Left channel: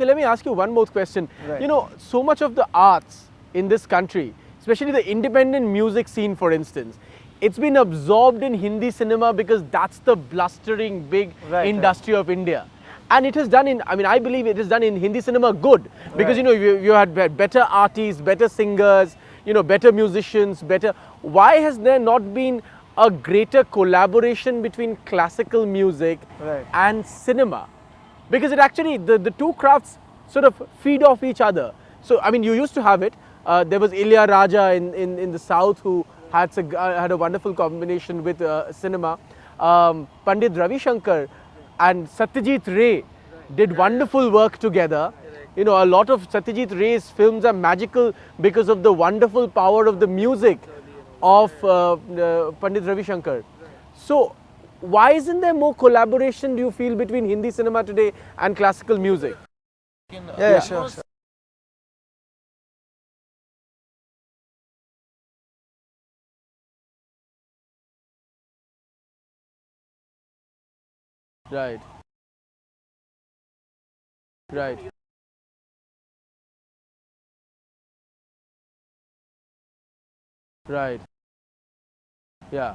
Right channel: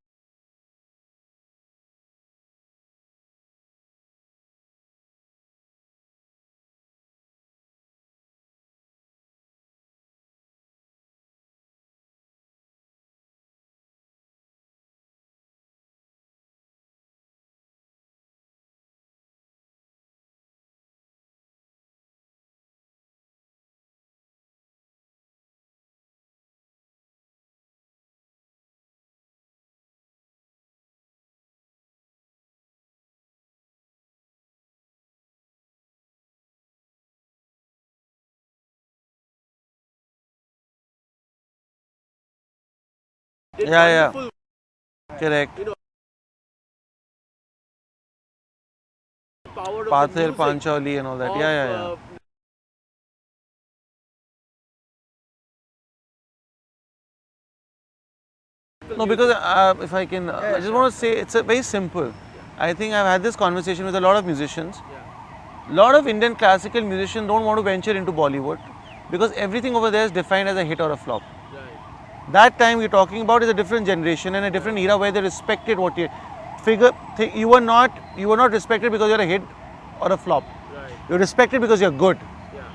Okay, let me ask you one more question. Right. You know, so much of the arts in this country, especially the independent music scene, for instance, it's been absorbed in Hindi cinema because that's the blustering big industry of India. And it is done in, I mean, I believe it is done in Hindi cinema good because, you know, you had better artists, better singers, you know, better musicians, better. Why has there not been a greater collaboration between classical music and cinema? Because it actually, the two crafts sort of feed off each other. So, I mean, you used to have it. There was Ilya Raja in the south who had a wonderful combination with cinema. Pandit Ravi Shankar and Satyajit Ray did wonderful work together. Correct. You know, a lot of Satyajit Ray's films are magical because of the wonderful power of the music and all that. of Pandit Ravi Shankar. So, why isn't there more collaboration, do you feel, between Hindi cinema today and classical music? No, because if I can, I just want to say, it's very simple. I think I've had this conversation with a lot of musicians. A lot of Indian classical musicians don't want to venture into Bollywood because everything over there is defined as a hit or a flop. Right. That time we're talking about is a different generation and a different era where they respected what you figure. You were not respected because you're a hit or a flop. Right. You're respected because you're good. Yeah.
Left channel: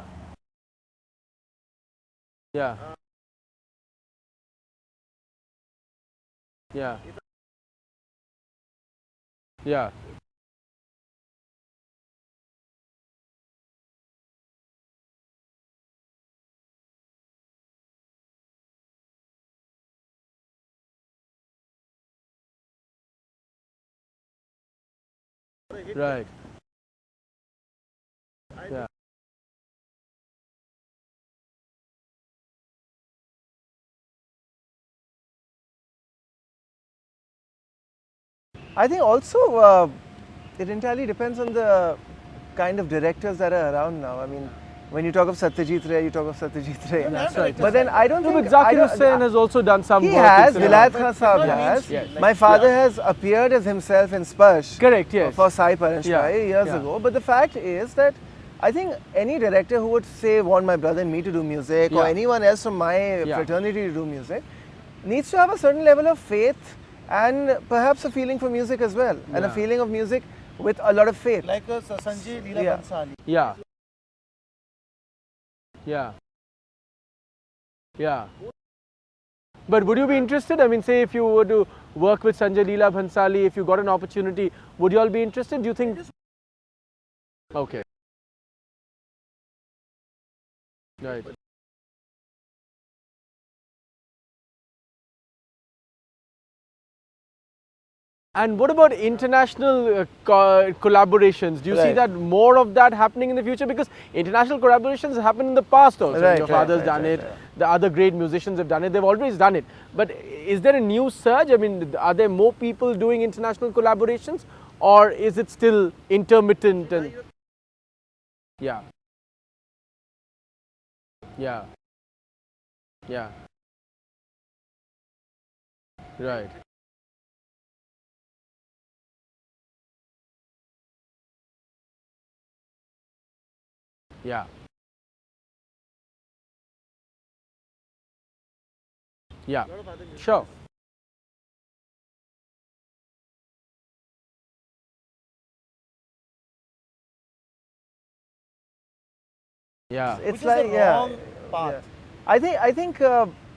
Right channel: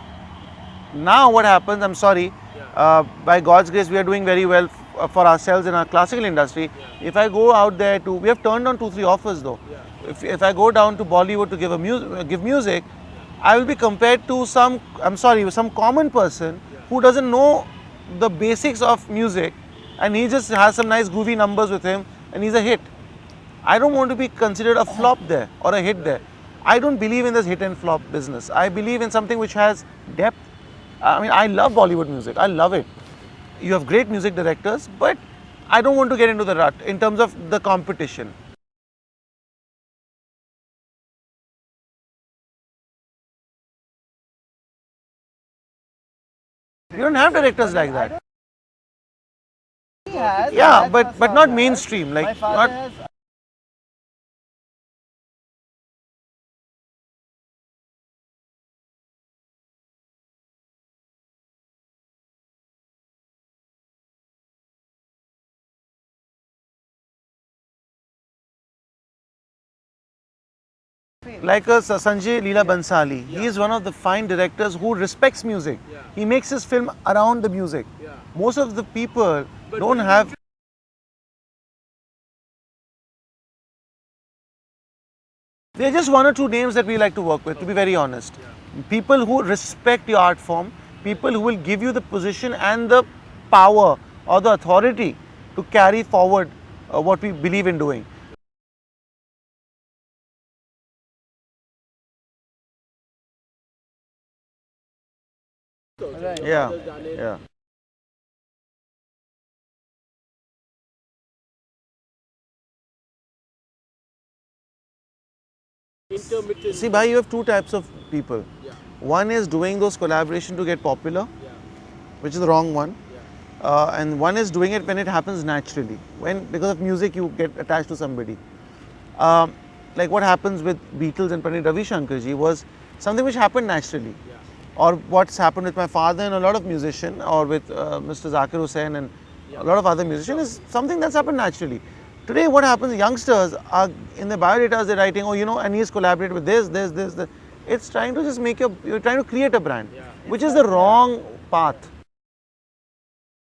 Now what happens, I'm sorry, by God's grace we are doing very well for ourselves in our classical industry. Yeah. If I go out there to, we have turned on 2-3 offers though. Yeah. If I go down to Bollywood to give music, I will be compared to some common person who doesn't know the basics of music and he just has some nice groovy numbers with him and he's a hit. I don't want to be considered a flop there or a hit there. I don't believe in this hit and flop business. I believe in something which has depth. I mean, I love Bollywood music. I love it. You have great music directors, but I don't want to get into the rut in terms of the competition. I think also it entirely depends on the kind of directors that are around now. I mean, when you talk of Satyajit Ray, you talk of Satyajit Ray. You don't have directors like that. I don't think Zakir Hussain has also done some work. He has, but not mainstream. Like my father has appeared as himself in Sparsh. Correct, yes. For Sai Paranshpai years ago. But the fact is that I think any director who would say want my brother and me to do music or anyone else from my fraternity to do music needs to have a certain level of faith and perhaps a feeling for music as well and a feeling of music with a lot of faith. Like Sanjay Leela Bansali, he is one of the fine directors who respects music. He makes his film around the music. Most of the people But don't would you have... be interested? I mean, say if you were to work with Sanjay Leela Bhansali, if you got an opportunity, would you all be interested? Do you think? There are just one or two names that we like to work with, to be very honest. People who respect your art form, people who will give you the position and the power or the authority to carry forward what we believe in doing. And what about international collaborations? Do you see that more of that happening in the future? Because international collaborations happened in the past also. Your father's done it, the other great musicians have done it, they've always done it. But is there a new surge? I mean, are there more people doing international collaborations or is it still intermittent? See, Bhai, you have two types of people. One is doing those collaborations to get popular, which is the wrong one. And one is doing it when it happens naturally. When because of music you get attached to somebody. Like what happens with Beatles and Pandit Ravi Shankar ji was something which happened naturally. Or what's happened with my father and a lot of musicians, or with Mr. Zakir Hussain and a lot of other musicians, is something that's happened naturally. Today what happens, youngsters are in their biodatas they're writing, oh you know, and he's collaborated with this. It's trying to just make you're trying to create a brand, which is the wrong path. I think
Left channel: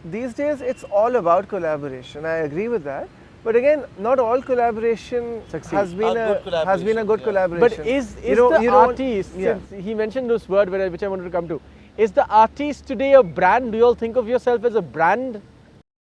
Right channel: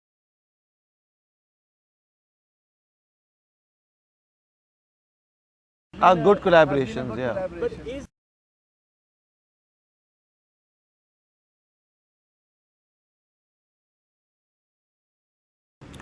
these days it's all about collaboration. I agree with that. But again, not all collaboration has been a good collaboration. But is the artist, since he mentioned this word which I wanted to come to, is the artist today a brand? Do you all think of yourself as a brand?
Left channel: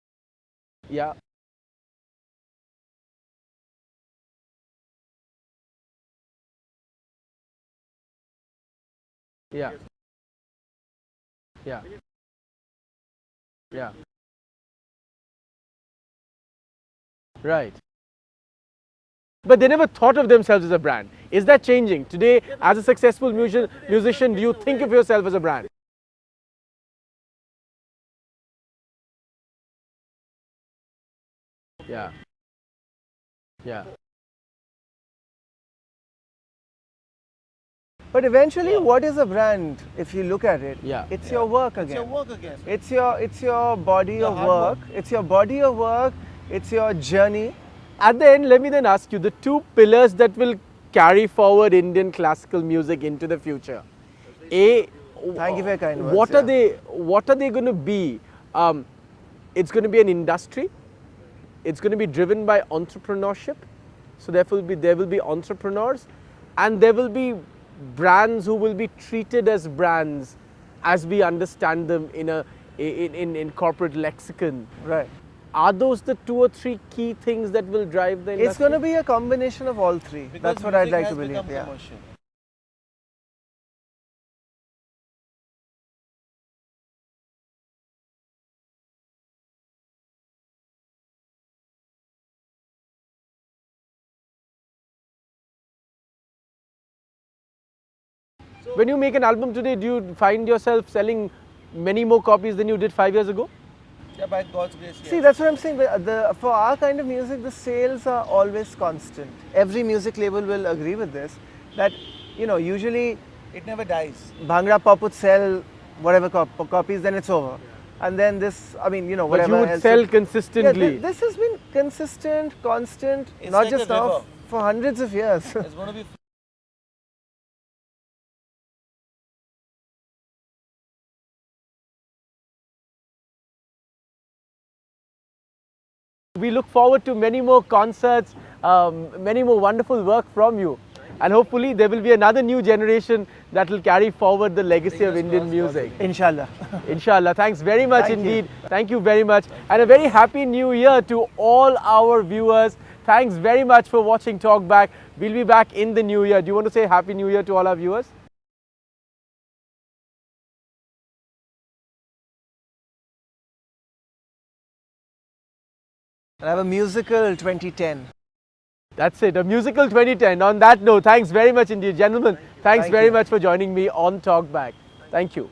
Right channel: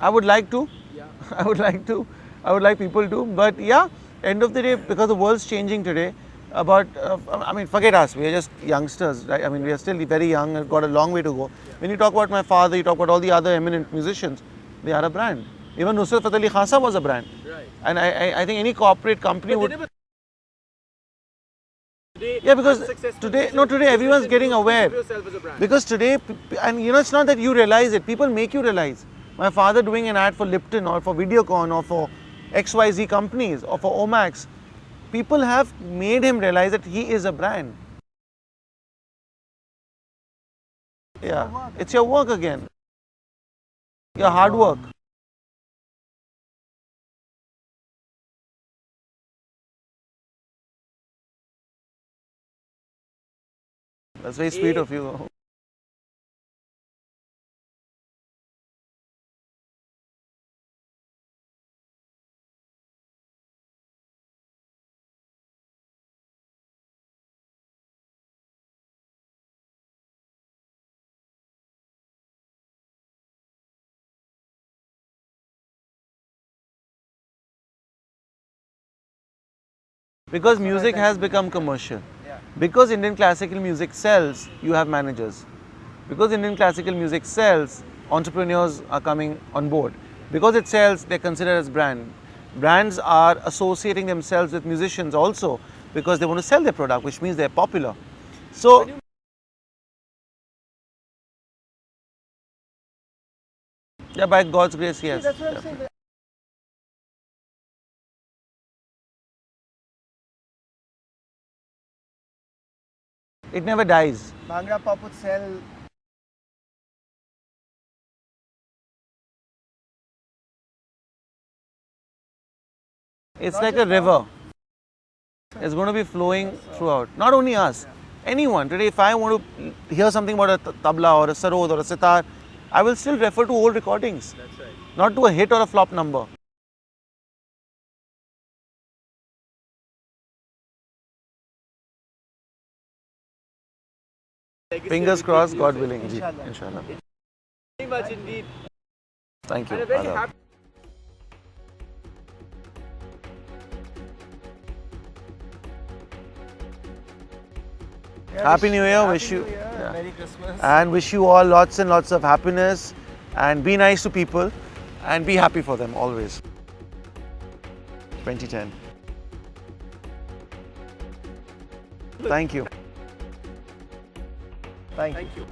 I would like to. Yeah. I would like to. I would like people to. But yeah, end of the day, because the world's changing today, I mean, forget us, we are just youngsters, right? I mean, we are still very young and got a long way to go. When you talk about my father, you talk about all the other eminent musicians, they are a brand. Even Nusrat Fateh Ali Khan was a brand. Right. And I think any corporate company... But they never thought of themselves as a brand. Is that changing? Today, as a successful musician, everyone's getting aware. Think of yourself as a brand. Because today, and you know, it's not that you realize it, people make you realize. My father doing an ad for Lipton or for Videocon or for XYZ companies or for Omax, people have made him realize that he is a brand. But eventually, what is a brand? If you look at it, it's your work again. It's your work again. It's your body your of hard work. It's your body of work. it's your journey. At the end, let me then ask you the two pillars that will carry forward Indian classical music into the future. That's very sweet of you. Thank you for your kind words. What are they going to be? It's going to be an industry. It's going to be driven by entrepreneurship. So therefore, there will be entrepreneurs, and there will be brands who will be treated as brands, as we understand them in corporate lexicon. Right. Are those the 2 or 3 key things that will drive the industry? It's going to be a combination of all three. Because music has become commercial. Yeah. Because Indian classical music sells, you have managers. Because Indian classical music sells, entrepreneurs are coming on board. Because it sells, they're considered as brand. Brands are associating themselves with musicians also because they want to sell their product, which means they're popular. So when you make an album today, do you find yourself selling many more copies than you did 5 years ago? yeah, by God's grace, yes. See, that's what I'm saying. For our kind of music, the sales are always constant. Every music label will agree with this. That, usually It never dies. Bhangra Pop would sell whatever copies, then it's over. And then whatever But you would else sell consistently. Yeah, this has been consistent, constant. It's not like just a river. For hundreds of years. It's going to be flowing throughout. Not only us, anyone. Today, if I want to hear something about a tabla or a sarod or a sitar, I will still refer to old recordings. That's right. Not to a hit or a flop number. We look forward to many more concerts, many more wonderful work from you. And hopefully there will be another new generation that will carry forward the legacy Fingers of Indian crossed, God music. willing. Inshallah. Inshallah. Thanks very much Thank indeed. you. Thank you very much. Thank you. And a very happy new year to all our viewers. Thanks very much for watching Talk Back. We'll be back in the new year. Do you want to say Happy New Year to all our viewers? Yeah, Happy New Year. Happy New Year. Merry Christmas. And wish you all lots and lots of happiness. And be nice to people. And be happy for them always. I have a musical 2010. 2010. That's it, a musical 2010. On that note, thanks very much indeed, gentlemen. Thank you. Thanks Thank very you. much for joining me on Talk Back. Thank Thank you.